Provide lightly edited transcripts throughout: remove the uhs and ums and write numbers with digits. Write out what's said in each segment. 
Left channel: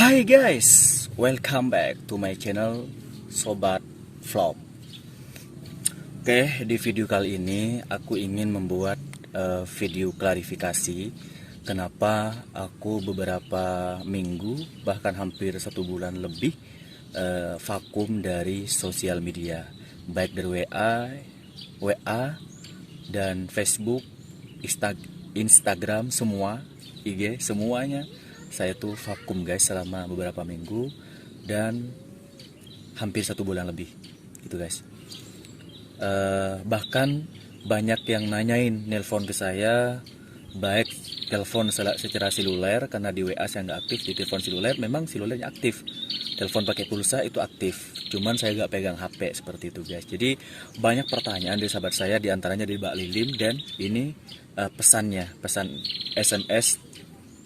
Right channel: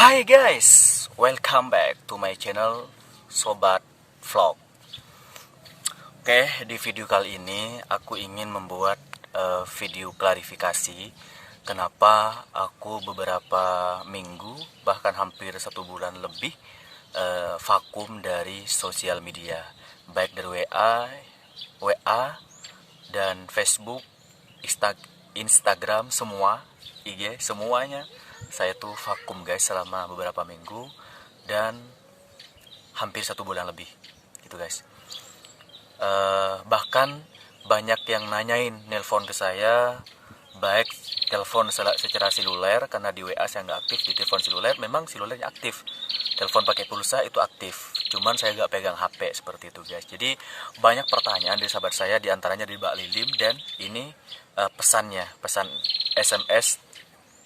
Hai guys, welcome back to my channel Sobat Vlog. Oke, di video kali ini aku ingin membuat video klarifikasi kenapa aku beberapa minggu, bahkan hampir 1 bulan lebih vakum dari sosial media, baik dari WA dan Facebook, Instagram, semua, IG, semuanya. Saya tuh vakum guys selama beberapa minggu dan hampir 1 bulan lebih gitu guys. Bahkan banyak yang nanyain, nelpon ke saya, baik telepon secara seluler, karena di WA saya nggak aktif. Di telepon seluler memang selulernya aktif, telepon pakai pulsa itu aktif, cuman saya nggak pegang HP seperti itu guys. Jadi banyak pertanyaan dari sahabat saya, diantaranya dari Mbak Lilim, dan ini pesan SMS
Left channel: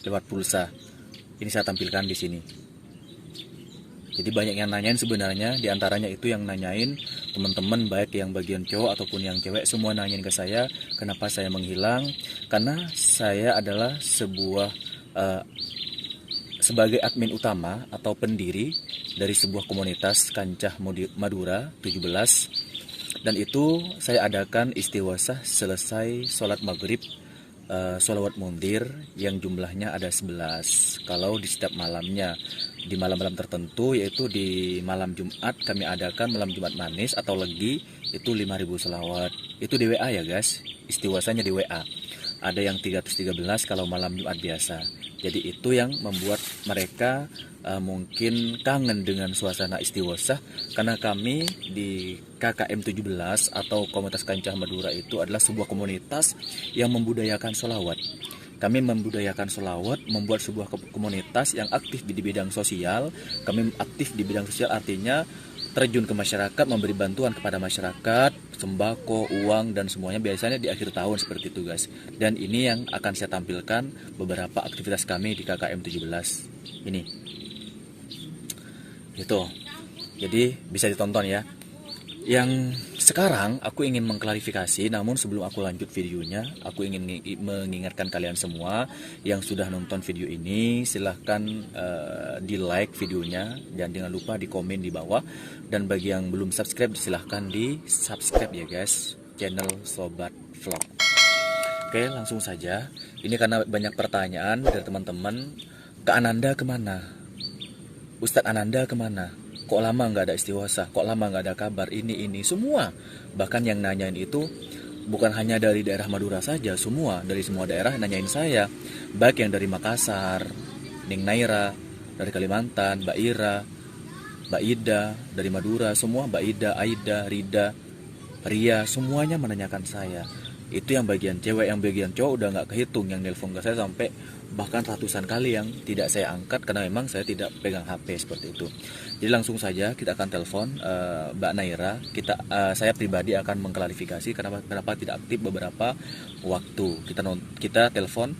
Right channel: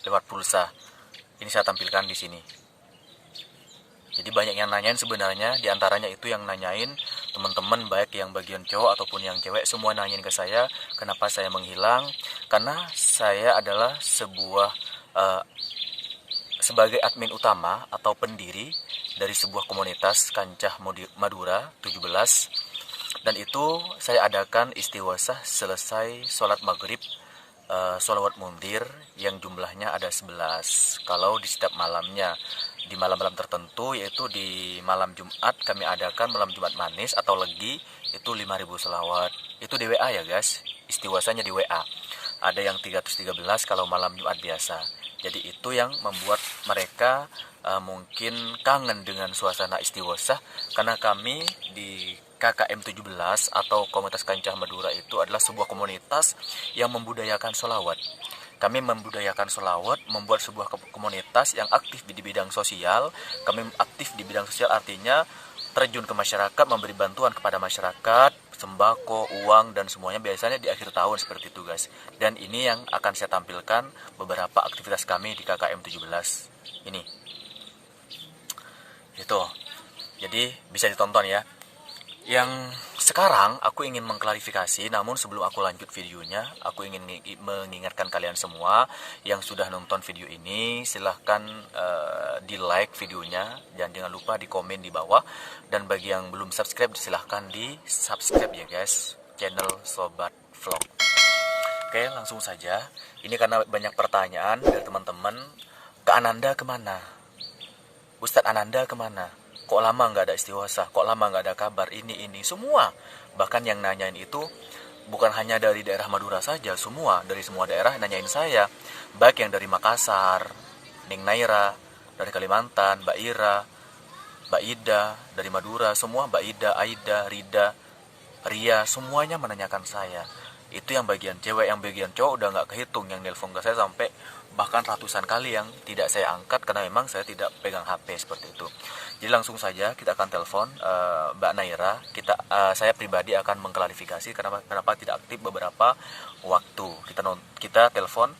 lewat pulsa. Ini saya tampilkan di sini. Jadi banyak yang nanyain sebenarnya, diantaranya itu yang nanyain teman-teman, baik yang bagian cowok ataupun yang cewek, semua nanyain ke saya kenapa saya menghilang. Karena saya adalah sebagai admin utama atau pendiri dari sebuah komunitas Kancah Madura 17, dan itu saya adakan istighosah selesai sholat maghrib, sholawat mundir yang jumlahnya ada 11. Kalau di setiap malamnya, di malam-malam tertentu, yaitu di malam Jumat, kami adakan malam Jumat manis atau legi, itu 5.000 sholawat. Itu di WA ya guys, istighosahnya di WA. Ada yang 313 kalau malam Jumat biasa. Jadi itu yang membuat mereka mungkin kangen dengan suasana istighosah, karena kami di KKM 17 atau Komunitas Kancah Madura itu adalah sebuah komunitas yang membudayakan sholawat. Kami membudayakan sholawat, membuat sebuah komunitas yang aktif di bidang sosial. Kami aktif di bidang sosial artinya terjun ke masyarakat, memberi bantuan kepada masyarakat, sembako, uang, dan semuanya biasanya di akhir tahun seperti itu guys. Dan ini yang akan saya tampilkan beberapa aktivitas kami di KKM 17 ini. Itu. Jadi bisa ditonton ya. Yang sekarang aku ingin mengklarifikasi, namun sebelum aku lanjut videonya, aku ingin mengingatkan kalian semua yang sudah nonton video ini, silahkan di like videonya, dan jangan lupa di komen di bawah. Dan bagi yang belum subscribe, silahkan di subscribe ya guys, channel Sobat Vlog. Oke, langsung saja. Ini karena banyak pertanyaan dari teman-teman, Kak Ananda kemana? Ustadz Ananda kemana? Kok lama nggak ada istighosah? Kok lama nggak ada kabar? Ini semua. Bahkan yang nanyain itu bukan hanya dari daerah Madura saja, semua dari semua daerah nanyain saya. Baik yang dari Makassar, Ning Naira, dari Kalimantan, Mbak Ira, Mbak Ida, dari Madura, semua Mbak Ida, Aida, Rida, Ria, semuanya menanyakan saya. Itu yang bagian cewek, yang bagian cowok udah nggak kehitung. Yang nelpon ke saya sampai bahkan ratusan kali yang tidak saya angkat karena memang saya tidak pegang HP seperti itu. Jadi langsung saja kita akan telepon Mbak Naira. Saya pribadi akan mengklarifikasi kenapa tidak aktif beberapa waktu. Kita telepon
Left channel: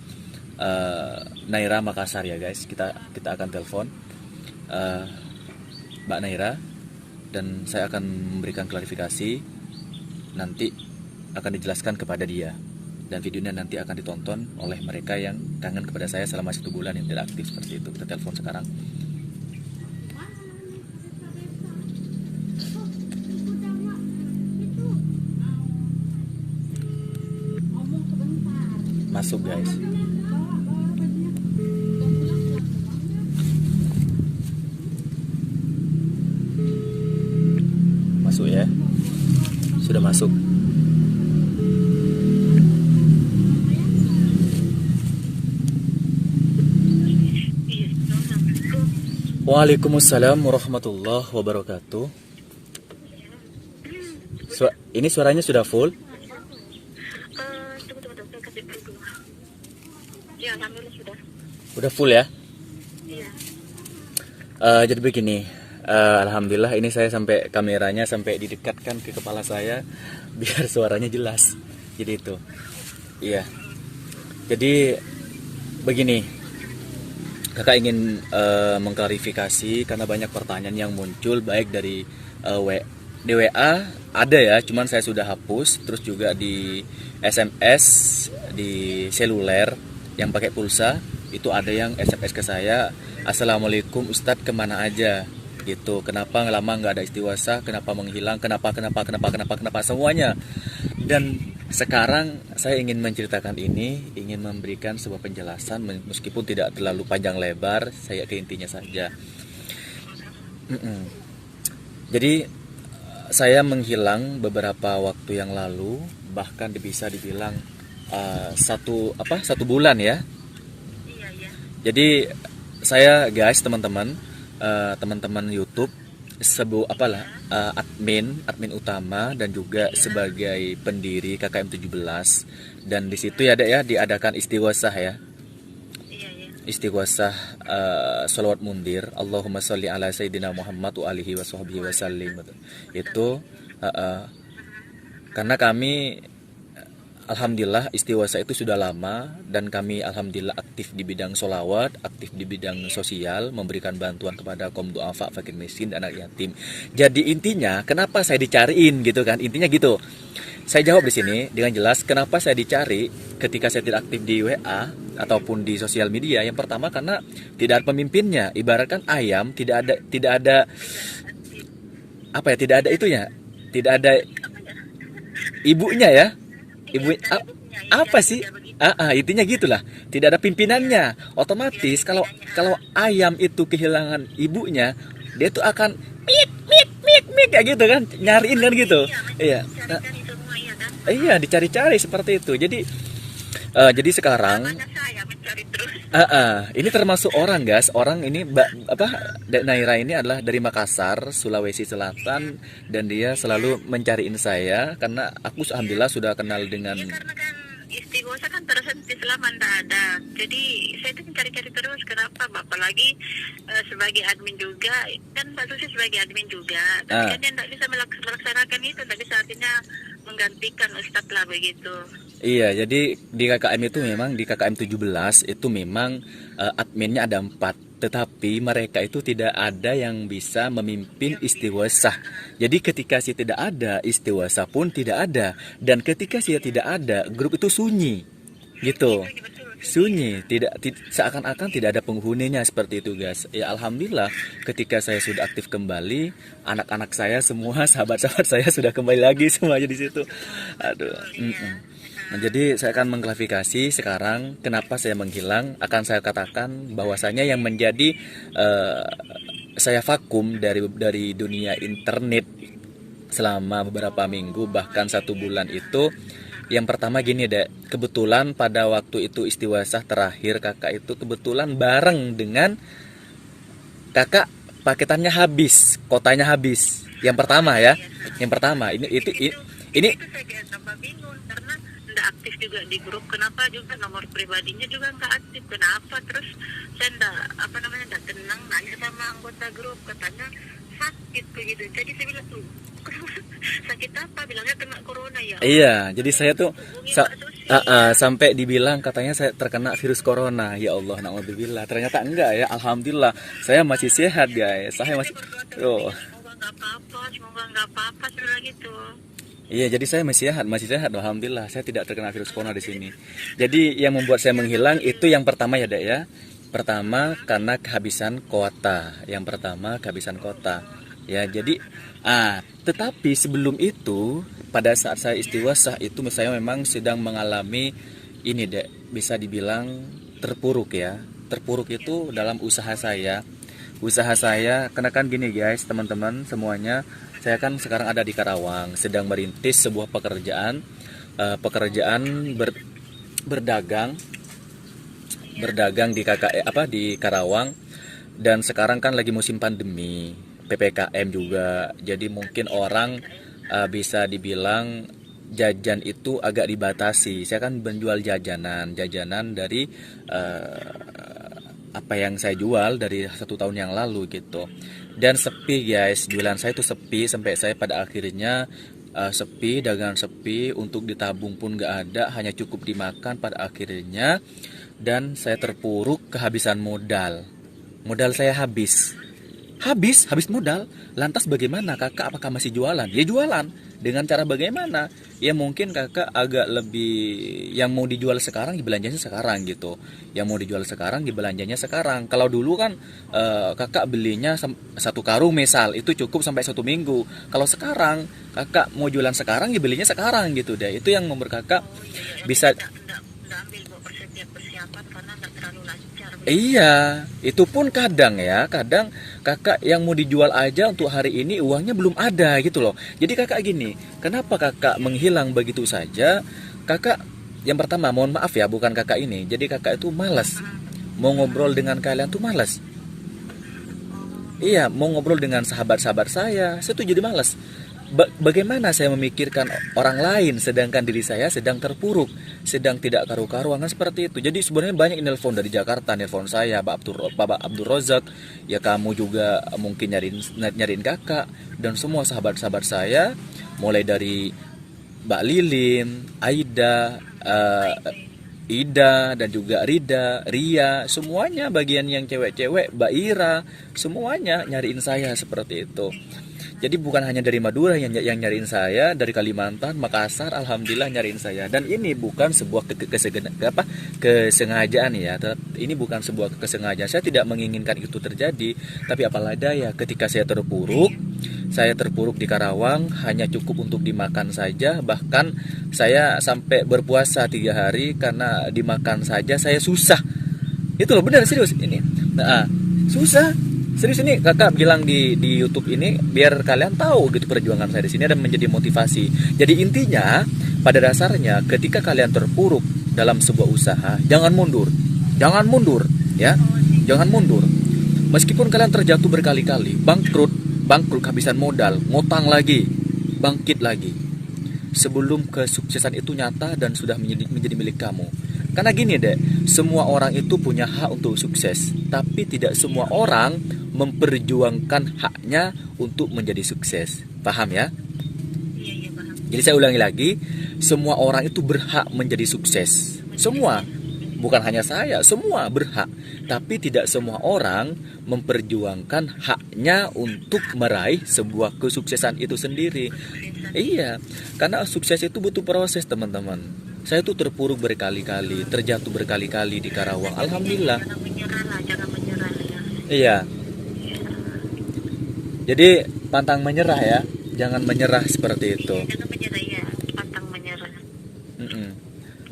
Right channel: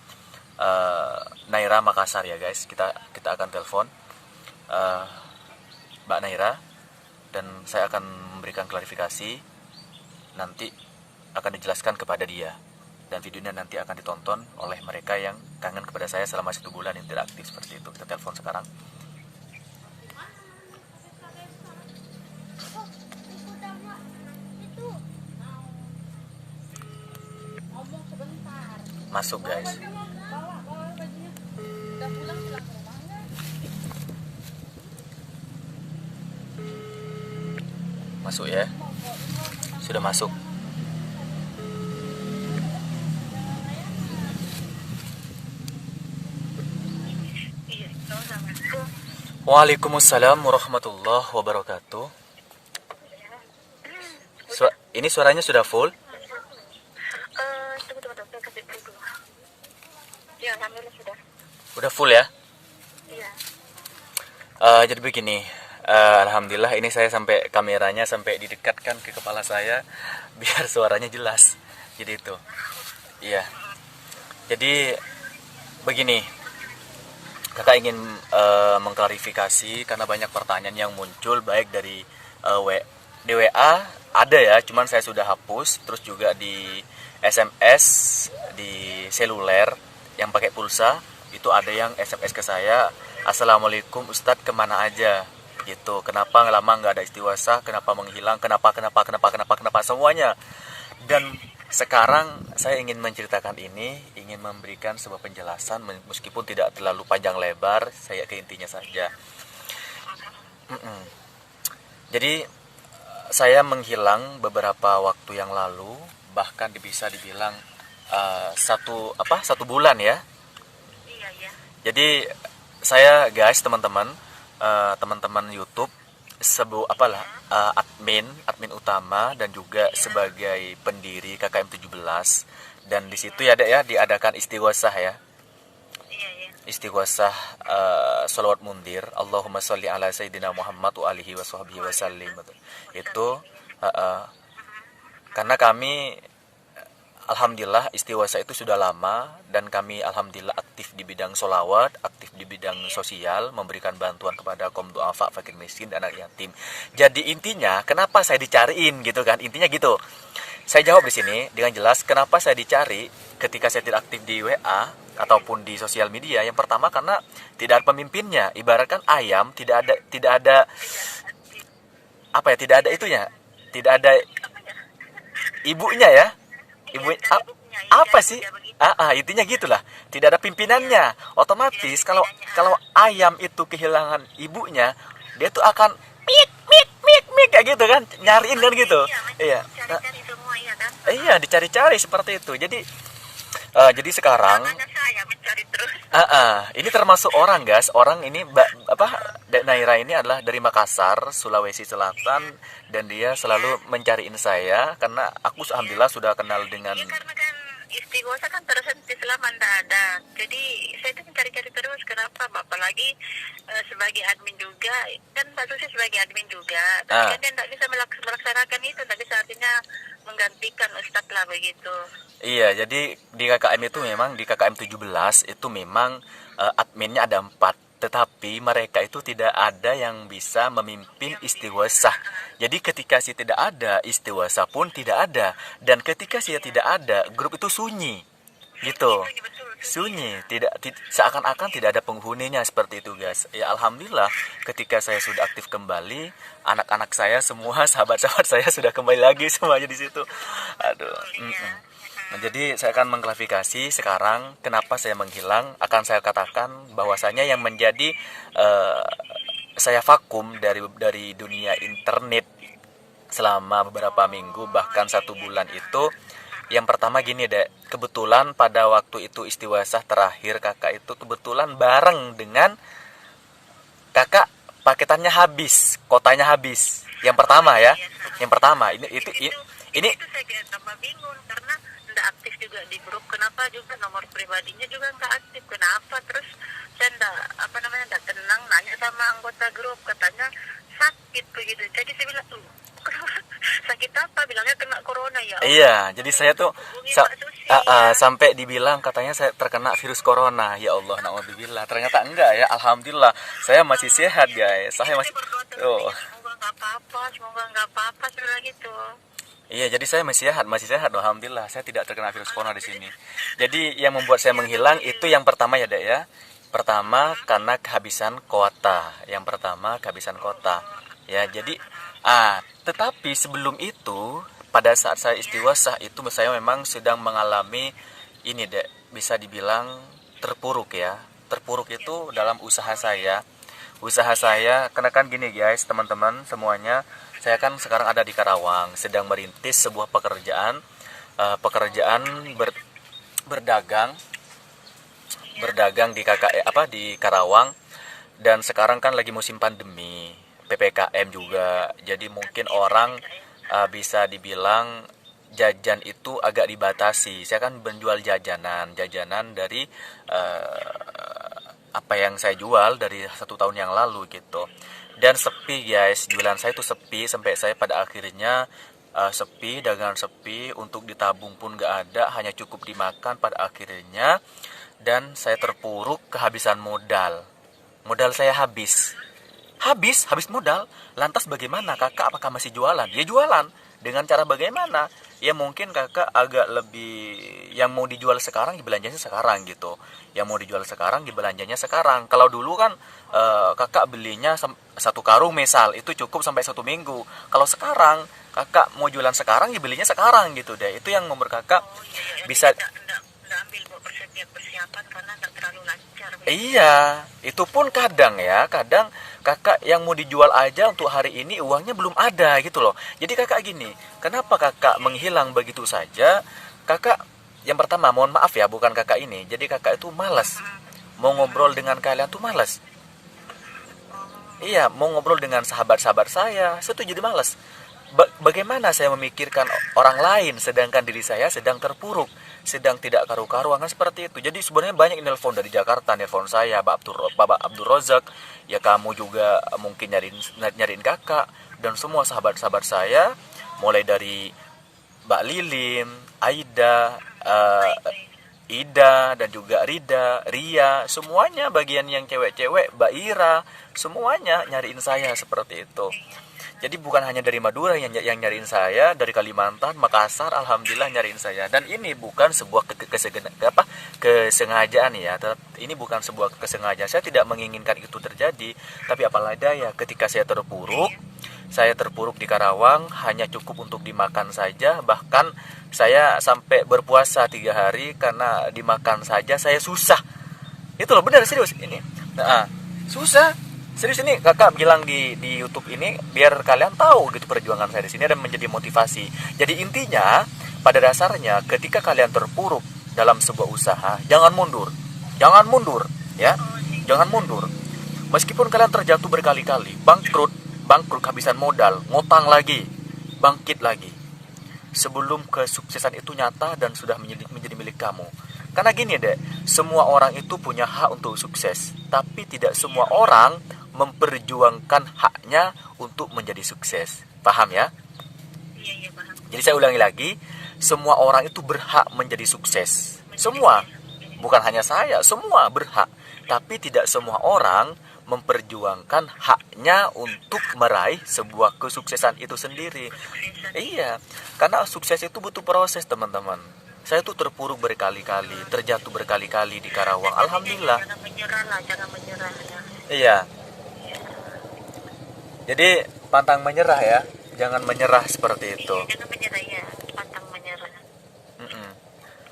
Naira Makassar ya guys. Kita akan telepon Mbak Naira dan saya akan memberikan klarifikasi, nanti akan dijelaskan kepada dia, dan videonya nanti akan ditonton oleh mereka yang kangen kepada saya selama 1 bulan yang tidak aktif seperti itu. Kita telepon sekarang. Masuk guys. Masuk ya. Sudah masuk. Waalaikumsalam warahmatullahi wabarakatuh. Ini suaranya sudah full? Tunggu, saya kasih dulu. Ya, alhamdulillah sudah. Udah full ya? Iya. Jadi begini, alhamdulillah ini saya sampai kameranya sampai didekatkan ke kepala saya biar suaranya jelas. Jadi itu. Iya. Jadi begini. Kakak ingin mengklarifikasi karena banyak pertanyaan yang muncul, baik dari di WA ada ya, cuman saya sudah hapus. Terus juga di SMS, di seluler yang pakai pulsa itu ada yang SMS ke saya, "Assalamualaikum Ustadz, kemana aja?" Gitu. Kenapa lama nggak ada istighosah? Kenapa menghilang? Kenapa semuanya? Dan sekarang saya ingin menceritakan ini, ingin memberikan sebuah penjelasan meskipun tidak terlalu panjang lebar, saya ke intinya saja. Jadi saya menghilang beberapa waktu yang lalu, bahkan bisa dibilang satu bulan ya. Iya, iya. Jadi saya guys, teman-teman YouTube, admin utama dan juga sebagai pendiri KKM 17, dan di situ ya Dek ya diadakan istighosah ya. Iya, iya. Istighosah sholawat mundir, Allahumma sholli ala sayyidina Muhammad wa alihi wa sahbihi wasallim. Itu karena kami alhamdulillah istighosah itu sudah lama, dan kami alhamdulillah aktif di bidang sholawat, aktif di bidang sosial, memberikan bantuan kepada kaum duafa, fakir miskin, dan anak yatim. Jadi intinya kenapa saya dicariin gitu kan, intinya gitu. Saya jawab di sini dengan jelas kenapa saya dicari ketika saya tidak aktif di WA ataupun di sosial media. Yang pertama karena tidak ada pemimpinnya, ibaratkan ayam tidak ada apa ya, tidak ada itunya, tidak ada ibunya ya. Ibu apa sih? Intinya gitulah. Tidak ada pimpinannya. Otomatis kalau ayam itu kehilangan ibunya, dia tuh akan mit kayak gitu kan, nyariin kan gitu. Iya. Cari-cari semua, iya kan? Iya, dicari-cari seperti itu. Jadi sekarang Namanya saya mencari terus. ini termasuk orang guys. Orang ini Dek Naira ini adalah dari Makassar, Sulawesi Selatan, dan dia selalu mencariin saya karena aku alhamdulillah sudah kenal dengan Ya karena kan istighosah kan terhenti selama tidak ada. Jadi saya tuh mencari-cari terus. Kenapa? Apalagi sebagai admin juga, kan Mbak Susi sebagai admin juga. Tapi kan dia tidak bisa melaksanakan itu. Tidak bisa artinya menggantikan Ustadz lah begitu. Iya, jadi di KKM itu memang di KKM 17 itu memang adminnya ada 4, tetapi mereka itu tidak ada yang bisa memimpin istighosah. Jadi ketika saya tidak ada, istighosah pun tidak ada, dan ketika saya tidak ada, grup itu sunyi. Gitu. Sunyi, seakan-akan tidak ada penghuninya seperti itu guys. Ya alhamdulillah ketika saya sudah aktif kembali, anak-anak saya semua, sahabat-sahabat saya sudah kembali lagi semuanya di situ. Aduh. Nah, jadi saya akan mengklarifikasi sekarang kenapa saya menghilang. Akan saya katakan bahwasanya yang menjadi saya vakum dari dunia internet selama beberapa minggu, bahkan 1 bulan itu. Yang pertama gini Dek, kebetulan pada waktu itu istighosah terakhir kakak itu kebetulan bareng dengan kakak, paketannya habis, kotanya habis. Yang pertama ya, yang pertama ini Itu saya tambah bingung karena tidak aktif juga di grup. Kenapa juga nomor pribadinya juga nggak aktif? Kenapa? Terus saya tidak tenang, nanya sama anggota grup, katanya sakit begitu. Jadi saya bilang sakit apa? Bilangnya kena corona ya. Iya, jadi saya tuh sampai dibilang katanya saya terkena virus corona. Ya Allah, naudzubillah. Ternyata enggak ya. Alhamdulillah, saya masih sehat guys. Saya masih semoga nggak apa-apa sebenarnya gitu. Iya, jadi saya masih sehat, alhamdulillah. Saya tidak terkena virus corona di sini. Jadi yang membuat saya menghilang itu yang pertama ya, Dek ya. Pertama karena kehabisan kuota. Ya, jadi tetapi sebelum itu pada saat saya istighosah itu saya memang sedang mengalami ini Dek, bisa dibilang terpuruk ya. Terpuruk itu dalam usaha saya. Karena kan gini guys, teman-teman semuanya, saya kan sekarang ada di Karawang, sedang merintis sebuah pekerjaan berdagang di di Karawang, dan sekarang kan lagi musim pandemi, PPKM juga. Jadi mungkin orang bisa dibilang jajan itu agak dibatasi. Saya kan menjual jajanan dari apa yang saya jual dari 1 tahun yang lalu gitu. Dan sepi guys, jualan saya itu sepi sampai saya pada akhirnya sepi, dagangan sepi, untuk ditabung pun gak ada, hanya cukup dimakan pada akhirnya. Dan saya terpuruk, kehabisan modal saya habis modal. Lantas bagaimana kakak, apakah masih jualan? Ya jualan, Dengan cara bagaimana? Ya mungkin kakak agak lebih, yang mau dijual sekarang dibelanjanya sekarang gitu. Yang mau dijual sekarang dibelanjanya sekarang. Kalau dulu kan kakak belinya satu karung misal itu cukup sampai 1 minggu. Kalau sekarang kakak mau jualan sekarang dibelinya sekarang gitu deh. Itu yang membuat kakak Oh iya iya, bisa. enggak ambil buat persiapan karena enggak terlalu lancar. Iya, itu pun kadang ya, kadang kakak yang mau dijual aja untuk hari ini uangnya belum ada gitu loh. Jadi kakak gini, kenapa kakak menghilang begitu saja? Kakak, yang pertama mohon maaf ya, bukan kakak ini. Jadi kakak itu malas. Mau ngobrol dengan kalian tuh malas. Iya, mau ngobrol dengan sahabat-sahabat saya tuh jadi malas. Bagaimana saya memikirkan orang lain sedangkan diri saya sedang terpuruk, sedang tidak karu-karuan kan seperti itu. Jadi sebenarnya banyak nelpon dari Jakarta, nelpon saya, Bapak Abdul Rozak, ya kamu juga mungkin nyariin kakak dan semua sahabat-sahabat saya, mulai dari Mbak Lilin, Aida, Ida dan juga Rida, Ria, semuanya bagian yang cewek-cewek, Mbak Ira, semuanya nyariin saya seperti itu. Jadi bukan hanya dari Madura yang nyariin saya, dari Kalimantan, Makassar, alhamdulillah nyariin saya. Dan ini bukan sebuah kesengajaan ya. Ini bukan sebuah kesengajaan. Saya tidak menginginkan itu terjadi, tapi apalah daya ketika saya terpuruk di Karawang hanya cukup untuk dimakan saja. Bahkan saya sampai berpuasa 3 hari karena dimakan saja saya susah. Itu loh, benar serius ini. Nah, susah. Serius ini kakak bilang di YouTube ini biar kalian tahu gitu perjuangan saya di sini dan menjadi motivasi. Jadi intinya pada dasarnya ketika kalian terpuruk dalam sebuah usaha, jangan mundur. Jangan mundur ya. Jangan mundur. Meskipun kalian terjatuh berkali-kali, bangkrut kehabisan modal, ngutang lagi, bangkit lagi. Sebelum kesuksesan itu nyata dan sudah menjadi milik kamu. Karena gini deh, semua orang itu punya hak untuk sukses, tapi tidak semua orang memperjuangkan haknya untuk menjadi sukses. Paham ya? Iya iya paham. Jadi saya ulangi lagi, semua orang itu berhak menjadi sukses. Semua, bukan hanya saya, semua berhak. Tapi tidak semua orang memperjuangkan haknya untuk meraih sebuah kesuksesan itu sendiri. Iya, karena sukses itu butuh proses teman-teman. Saya tuh terpuruk berkali-kali, terjatuh berkali-kali di Karawang. Alhamdulillah. Jangan menyerah lah, jangan menyerah ya. Iya. Jadi pantang menyerah ya, jangan menyerah seperti itu. Jangan menyerah ya, pantang menyerah. Mm-mm.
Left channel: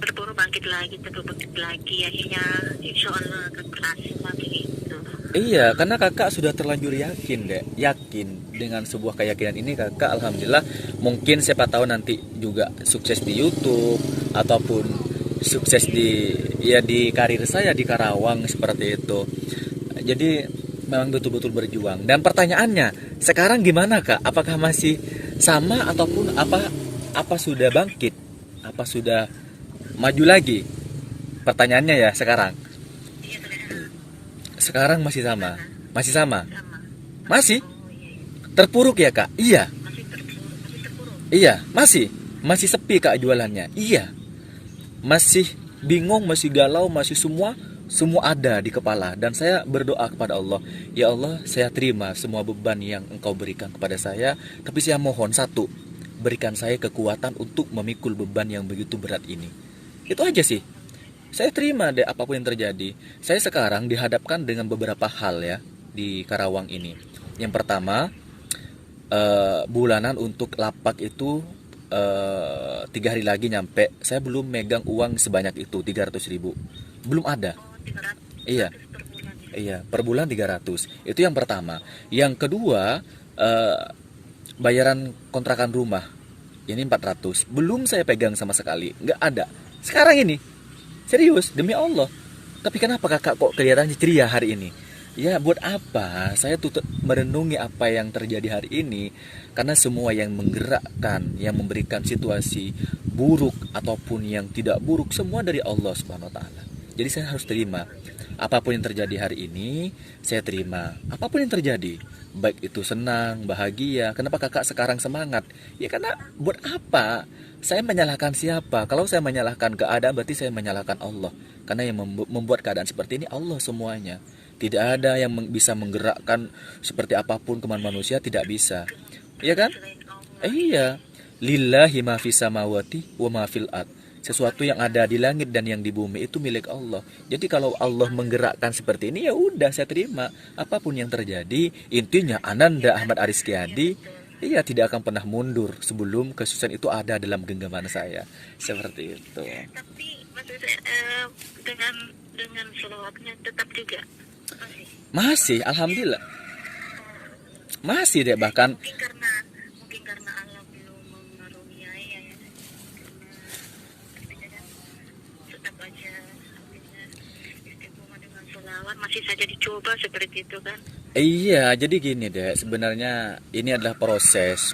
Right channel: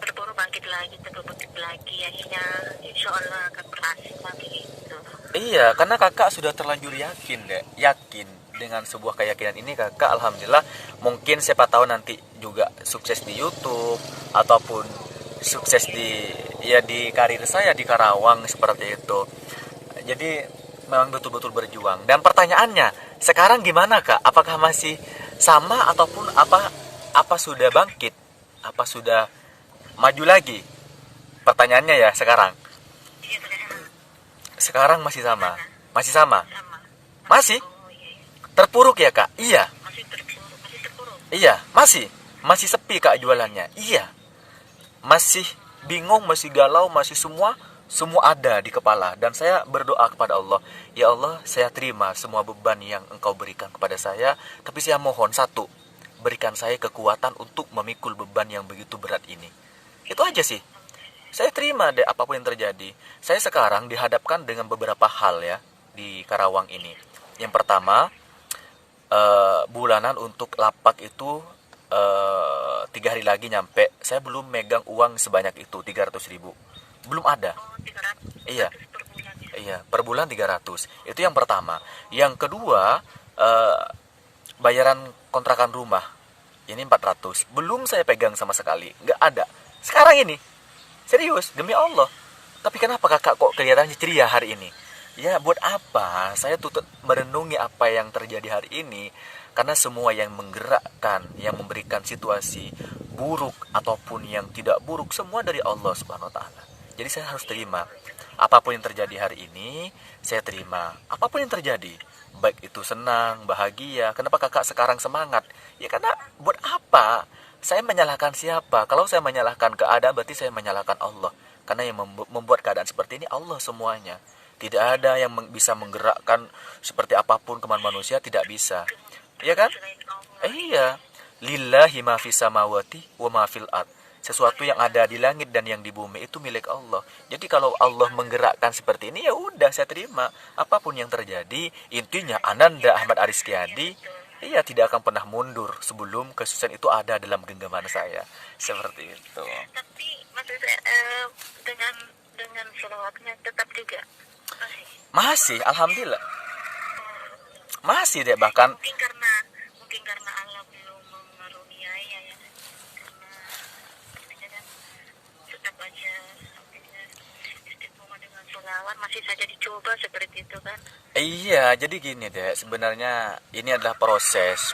Berburu bangkit lagi, bangkit lagi, akhirnya insya Allah akan berhasil lagi gitu. Iya, karena kakak sudah terlanjur yakin dengan sebuah keyakinan ini kakak alhamdulillah mungkin siapa tahu nanti juga sukses di YouTube ataupun sukses di karir saya di Karawang seperti itu. Jadi memang betul-betul berjuang. Dan pertanyaannya, sekarang gimana Kak? Apakah masih sama ataupun apa sudah bangkit? Apa sudah maju lagi? Pertanyaannya ya sekarang. Iya sudah Sekarang masih sama. Masih sama. sama. Masih Oh iya, iya. terpuruk ya Kak? Iya. Masih terpuruk. Iya, masih sepi Kak jualannya. Iya. Masih bingung, masih galau, masih semua ada di kepala dan saya berdoa kepada Allah, ya Allah, saya terima semua beban yang Engkau berikan kepada saya, tapi saya mohon satu, berikan saya kekuatan untuk memikul beban yang begitu berat ini. Itu aja sih. Saya terima deh apapun yang terjadi. Saya sekarang dihadapkan dengan beberapa hal ya di Karawang ini. Yang pertama, bulanan untuk lapak itu 3 hari lagi nyampe. Saya belum megang uang sebanyak itu 300.000. Belum ada. Oh 300 Iya. per bulan ya. Iya, per bulan 300. Itu yang pertama. Yang kedua, bayaran kontrakan rumah. Ini 400. Belum saya pegang sama sekali. Nggak ada. Sekarang ini. Serius, demi Allah. Tapi kenapa kakak kok kelihatannya ceria hari ini? Ya buat apa? Saya tuh merenungi apa yang terjadi hari ini. Karena semua yang menggerakkan, yang memberikan situasi buruk ataupun yang tidak buruk, semua dari Allah Subhanahu wa Ta'ala. Jadi saya harus terima. Apapun yang terjadi hari ini, saya terima. Apapun yang terjadi, baik itu senang, bahagia. Kenapa kakak sekarang semangat? Ya karena buat apa? Saya menyalahkan siapa? Kalau saya menyalahkan keadaan, berarti saya menyalahkan Allah. Karena yang membuat keadaan seperti ini Allah semuanya. Tidak ada yang bisa menggerakkan seperti apapun kemauan manusia, tidak bisa. Iya kan? Selain Allah. Iya. Lillahi ma fis samawati wa ma fil ard. Sesuatu yang ada di langit dan yang di bumi itu milik Allah. Jadi kalau Allah menggerakkan seperti ini, ya udah saya terima. Apapun yang terjadi, intinya Ananda Ahmad Ariskiadi, iya tidak akan pernah mundur sebelum kesusahan itu ada dalam genggaman saya. Seperti itu. Tapi maksud saya dengan selawatnya tetap juga masih. Masih, alhamdulillah. Masih deh, bahkan Mungkin karena Allah belum mengaruniai ya. Artinya kan tetap aja artinya istiqomah dengan selawat masih saja dicoba seperti itu kan. iya, jadi gini deh, sebenarnya ini adalah proses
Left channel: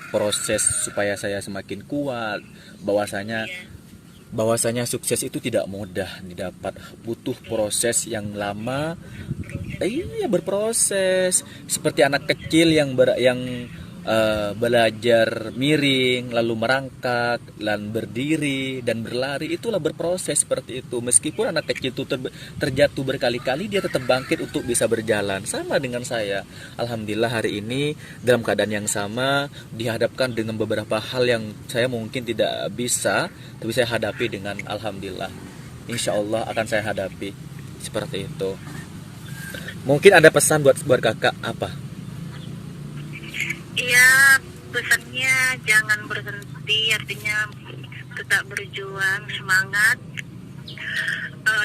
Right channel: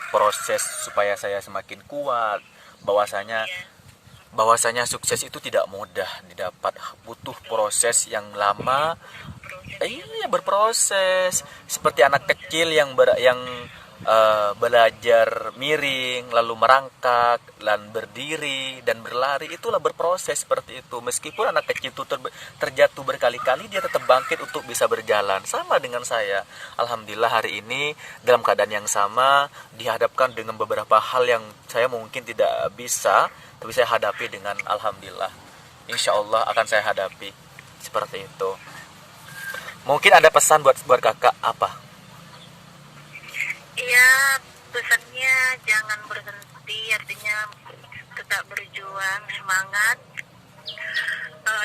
supaya saya semakin kuat, bahwasanya Iya. sukses itu tidak mudah didapat, butuh proses yang lama. Iya, berproses seperti anak kecil yang belajar miring, lalu merangkak, dan berdiri dan berlari, itulah berproses seperti itu. Meskipun anak kecil itu terjatuh berkali-kali, dia tetap bangkit untuk bisa berjalan. Sama dengan saya. Alhamdulillah hari ini dalam keadaan yang sama, dihadapkan dengan beberapa hal yang saya mungkin tidak bisa, tapi saya hadapi dengan alhamdulillah. Insya Allah akan saya hadapi seperti itu. Mungkin ada pesan buat kakak apa? Iya, pesannya jangan berhenti, artinya tetap berjuang, semangat,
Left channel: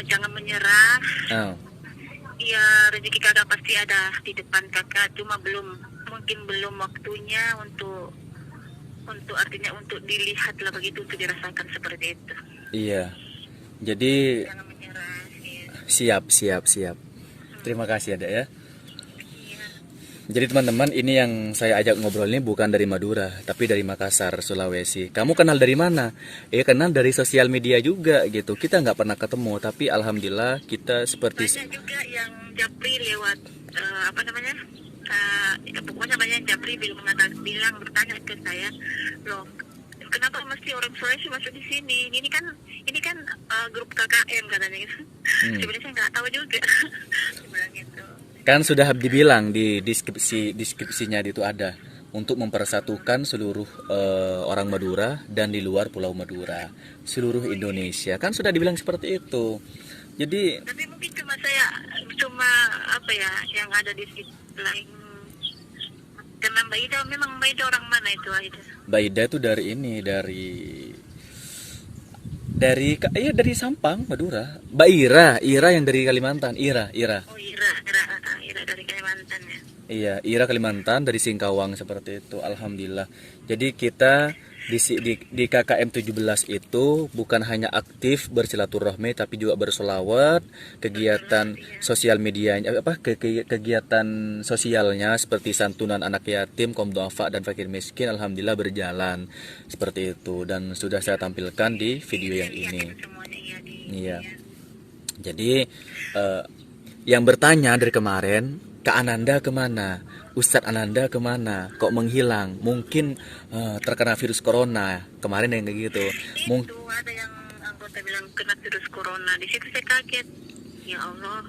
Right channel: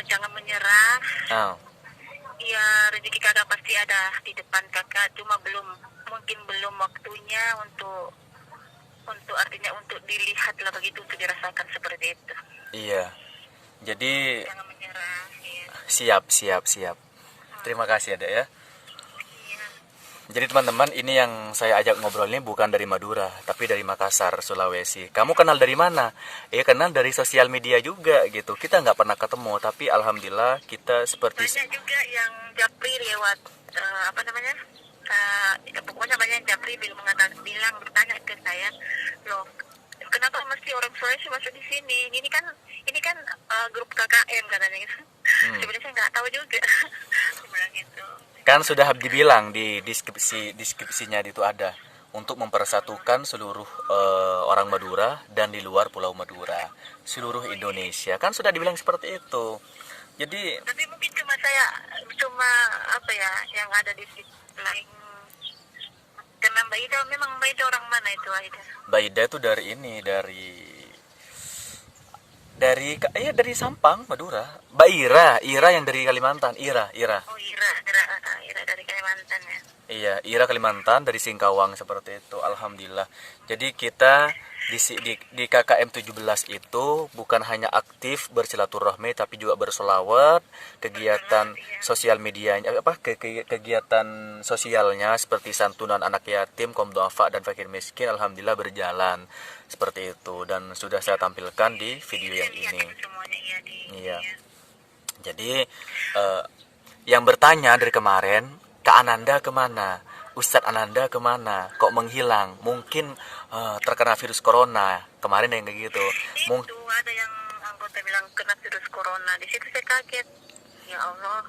jangan menyerah. Oh, Ya, rezeki kakak pasti ada di depan kakak, cuma mungkin belum waktunya untuk artinya untuk dilihat lah begitu, untuk dirasakan seperti itu. iya. Jadi Jangan menyerah, ya. siap. Terima kasih ada ya. Iya. Jadi teman-teman, ini yang saya ajak ngobrol ini bukan dari Madura, tapi dari Makassar, Sulawesi. Kamu kenal dari mana? Kenal dari sosial media juga gitu. Kita nggak pernah ketemu, tapi alhamdulillah kita seperti Banyak juga yang japri lewat apa namanya? Pokoknya banyak yang japri bilang bertanya ke saya, loh, kenapa mesti orang Sulawesi masuk di sini? Ini kan grup KKM katanya gitu. Sebenarnya saya nggak tahu juga. Dia bilang gitu. kan sudah dibilang di deskripsinya itu ada untuk mempersatukan seluruh orang Madura dan di luar Pulau Madura, seluruh Indonesia. Kan sudah dibilang seperti itu. Jadi Tapi mungkin cuma apa ya yang ada di sisi lain. Karena Mbak Ida, memang Mbak Ida orang mana itu Aida? Baida itu dari ini, dari Sampang, Madura. Mbak Ira yang dari Kalimantan, Ira. Oh, Ira dari Kalimantan ya. Iya, Ira Kalimantan dari Singkawang seperti itu. Alhamdulillah. Jadi kita di KKM 17 itu bukan hanya aktif bersilaturahmi tapi juga bersolawat, kegiatan sosial medianya kegiatan sosialnya seperti santunan anak yatim, kaum duafa dan fakir miskin alhamdulillah berjalan seperti itu dan sudah saya tampilkan di video yang ini. Semuanya Iya. Jadi yang bertanya dari kemarin, Kak Ananda kemana? Ustadz Ananda kemana? Kok menghilang? Mungkin terkena virus corona. Kemarin yang kayak gitu. Itu ada yang anggota bilang kena virus corona. Di situ saya kaget. Ya Allah.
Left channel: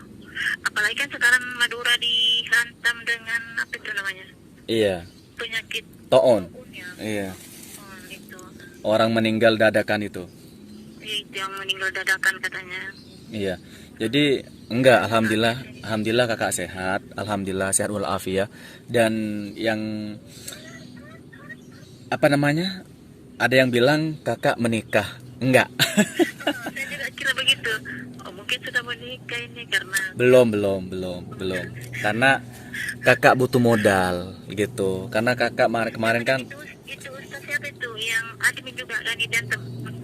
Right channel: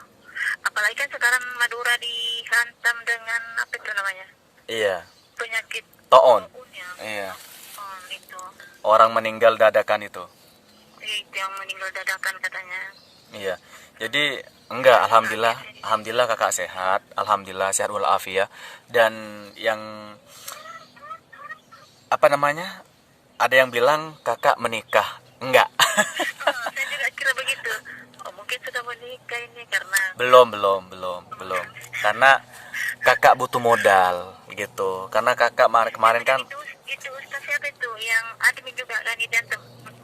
Apalagi kan sekarang Madura dihantam dengan apa itu namanya? Iya. Penyakit Toon. ya. Iya. Itu. Orang meninggal dadakan itu. Itu yang meninggal dadakan katanya. Iya. Jadi enggak, alhamdulillah kakak sehat, alhamdulillah sehat walafiat. Dan yang apa namanya? Ada yang bilang kakak menikah, enggak? Saya juga kira begitu. Oh, mungkin sudah menikah ini karena belum. Karena kakak butuh modal gitu. Karena kakak kemarin kan itu Ustaz siapa itu yang admin juga kan itu yang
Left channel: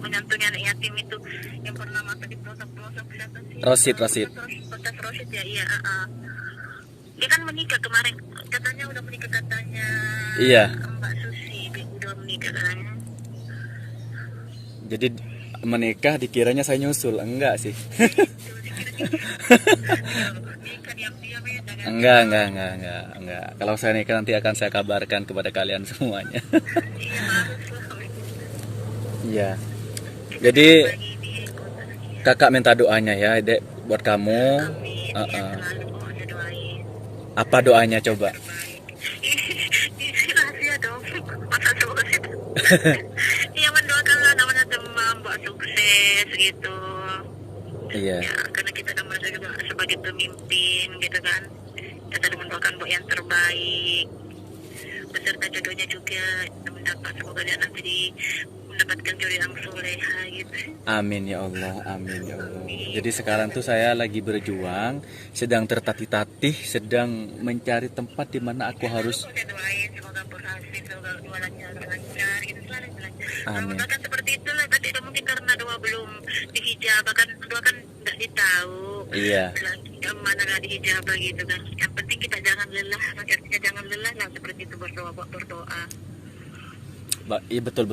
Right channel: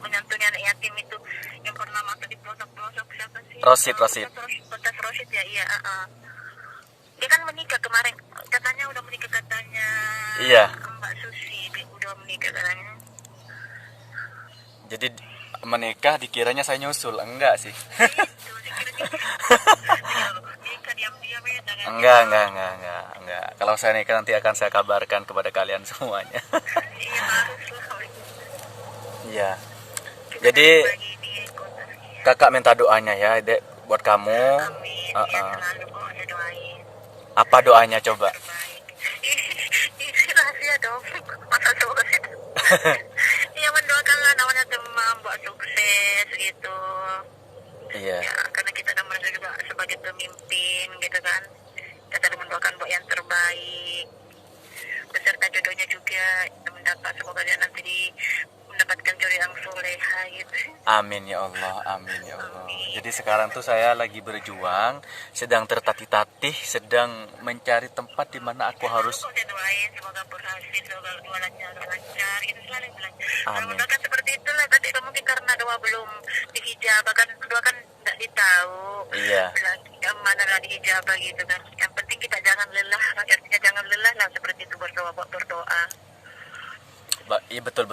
menyantuni anak yatim itu yang pernah masuk di pelosok-pelosok siapa sih? Rosid. Ustaz Rosid ya, iya. Dia kan menikah kemarin, katanya udah menikah katanya. Iya. Mbak Susi udah menikah katanya. Jadi menikah dikiranya saya nyusul, enggak sih? Nikah diam-diam ya, jangan. Enggak. Kalau saya nikah nanti akan saya kabarkan kepada kalian semuanya. Iya, harus lah. Iya. Jadi Bagi di kota. kakak minta doanya ya, Dek, buat kamu. Amin. Ya, selalu kok saya doain. Apa doanya coba? Baik. Ini rahasia dong. Masa coba. sama Mbak sukses gitu. Iya. Ya, karena kita kan merasa juga sebagai pemimpin gitu kan. Kita selalu mendoakan Mbak yang terbaik. Beserta jodohnya juga mendapat, semoga dia nanti mendapatkan jodoh yang soleha gitu. Amin ya Allah, amin ya Allah. Jadi sekarang tuh saya lagi berjuang, sedang tertatih-tatih, sedang mencari tempat di mana aku harus. Saya doain semoga berhasil, semoga doa lancar gitu selalu bilang. Amin. Doakan seperti itulah, tapi mungkin karena doa belum dihijabah kan, doa kan nggak ditahu. Iya. Yang mana lah dihijabah gitu kan. Yang penting kita jangan lelah, artinya jangan lelah lah seperti itu berdoa. Iya betul.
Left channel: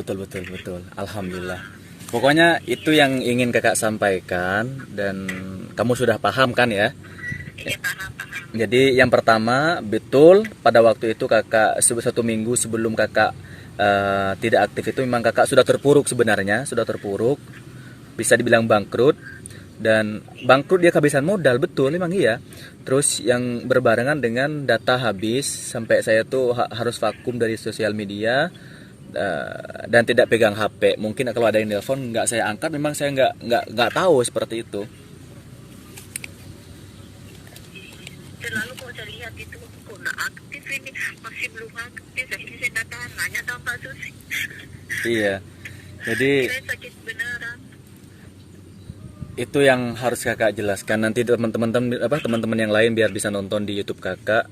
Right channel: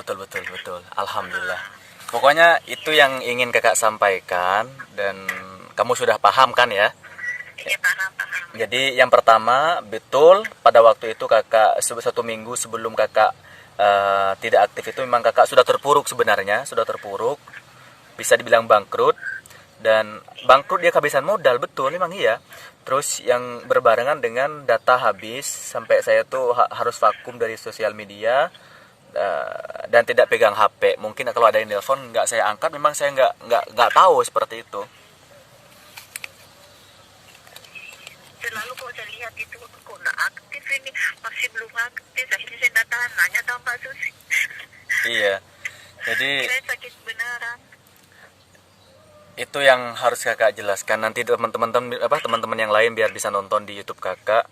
Alhamdulillah. Pokoknya itu yang ingin kakak sampaikan dan kamu sudah paham kan ya? Iya paham. Jadi yang pertama betul pada waktu itu kakak 1 minggu sebelum kakak tidak aktif itu memang kakak sudah terpuruk sebenarnya, bisa dibilang bangkrut. Dan bangkrut dia kehabisan modal, betul memang iya. Terus yang berbarengan dengan data habis sampai saya tuh harus vakum dari sosial media. Dan tidak pegang HP. Mungkin kalau ada yang telepon nggak saya angkat, memang saya nggak tahu seperti itu. Selalu kok saya lihat itu kok nggak aktif ini, masih belum aktif. Akhirnya saya datang nanya sama Mbak Susi. Iya. Jadi Saya sakit beneran. itu yang harus kakak jelaskan nanti teman-teman yang lain biar bisa nonton di YouTube kakak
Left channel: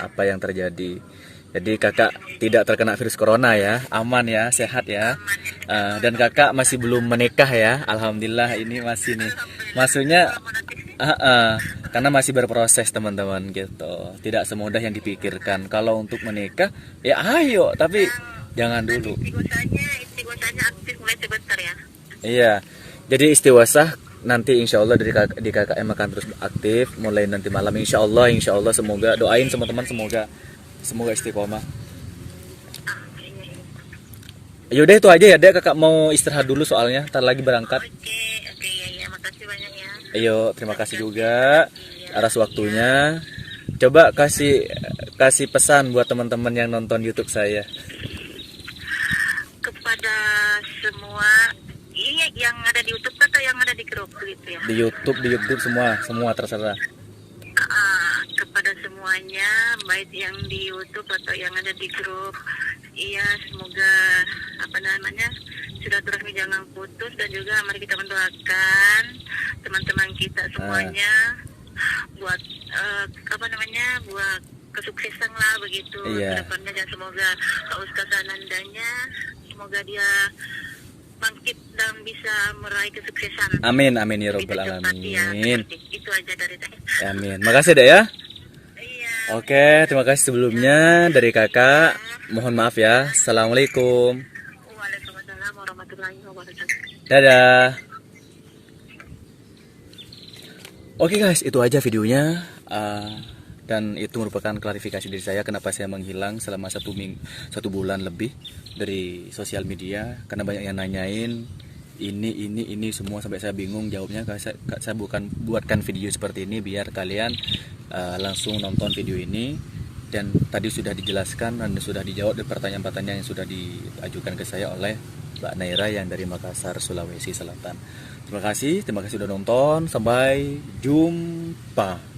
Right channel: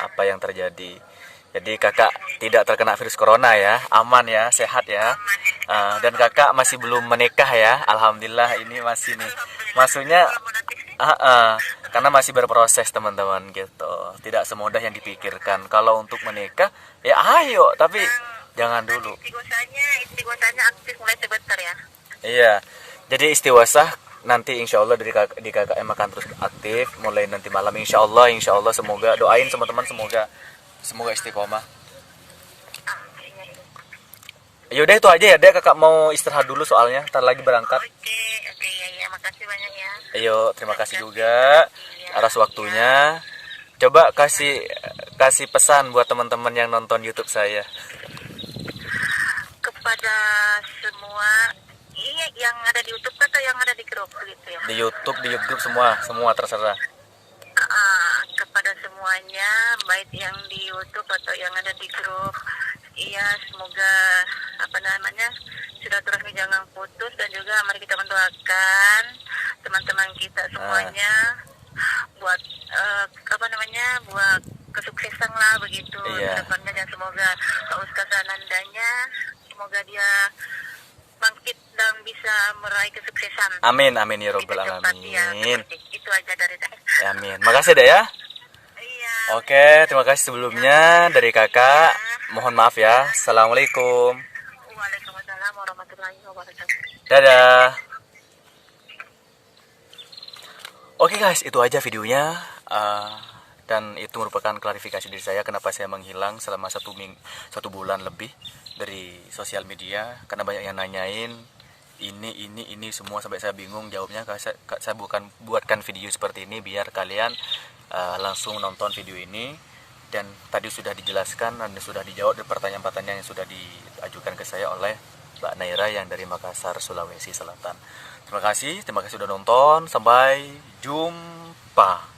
apa yang terjadi. Jadi kakak tidak terkena virus corona ya, aman ya, sehat ya. Dan kakak masih belum menikah ya, alhamdulillah ini masih nih. Maksudnya karena masih berproses teman-teman gitu. Tidak semudah yang dipikirkan. Kalau untuk menikah ya ayo, tapi jangan dulu. Istighosanya aktif mulai sebentar ya. Iya. Jadi istighosah nanti insya Allah di KKM akan terus aktif mulai nanti malam insya Allah semoga doain teman-teman semoga istiqomah. Yaudah itu aja ya dek, kakak mau istirahat dulu soalnya ntar lagi berangkat. Oke ya, makasih banyak ya. Ayo terima kasih juga atas waktunya. Coba kasih pesan buat teman-teman yang nonton YouTube saya. Kepada semua yang ada di YouTube atau yang ada di grup gitu ya? Di YouTube semua terserah. Kepada semuanya, baik yang di YouTube atau yang ada di grup, iya semoga silaturahmi jangan putus, dan juga mari kita mendoakan teman-teman kita semuanya buat buat kesuksesan lah begitu. Iya. Kedepannya, dan semoga Pak Ustaz Anandanya semoga dia bangkit dan bisa meraih kesuksesan. Amin ya robbal Kita cepat, ya, alamin. itu aja dari saya. Amin. Makasih dek ya. Iya. Oke, terima kasih sebelumnya dari kakak. Mohon maaf ya. Assalamualaikum. Waalaikumsalam warahmatullahi wabarakatuh. Dadah. Oke guys, itu aja videonya. Dan itu merupakan klarifikasi dari saya kenapa saya menghilang selama 1 bulan lebih dari sosial media, karena banyak yang nanyain ini semua sampai saya bingung jawabnya. Saya buatkan video seperti ini biar kalian langsung nonton video ini, dan tadi sudah dijelaskan dan sudah dijawab dari pertanyaan-pertanyaan yang sudah diajukan ke saya oleh Mbak Naira yang dari Makassar, Sulawesi Selatan. Terima kasih sudah nonton, sampai jumpa.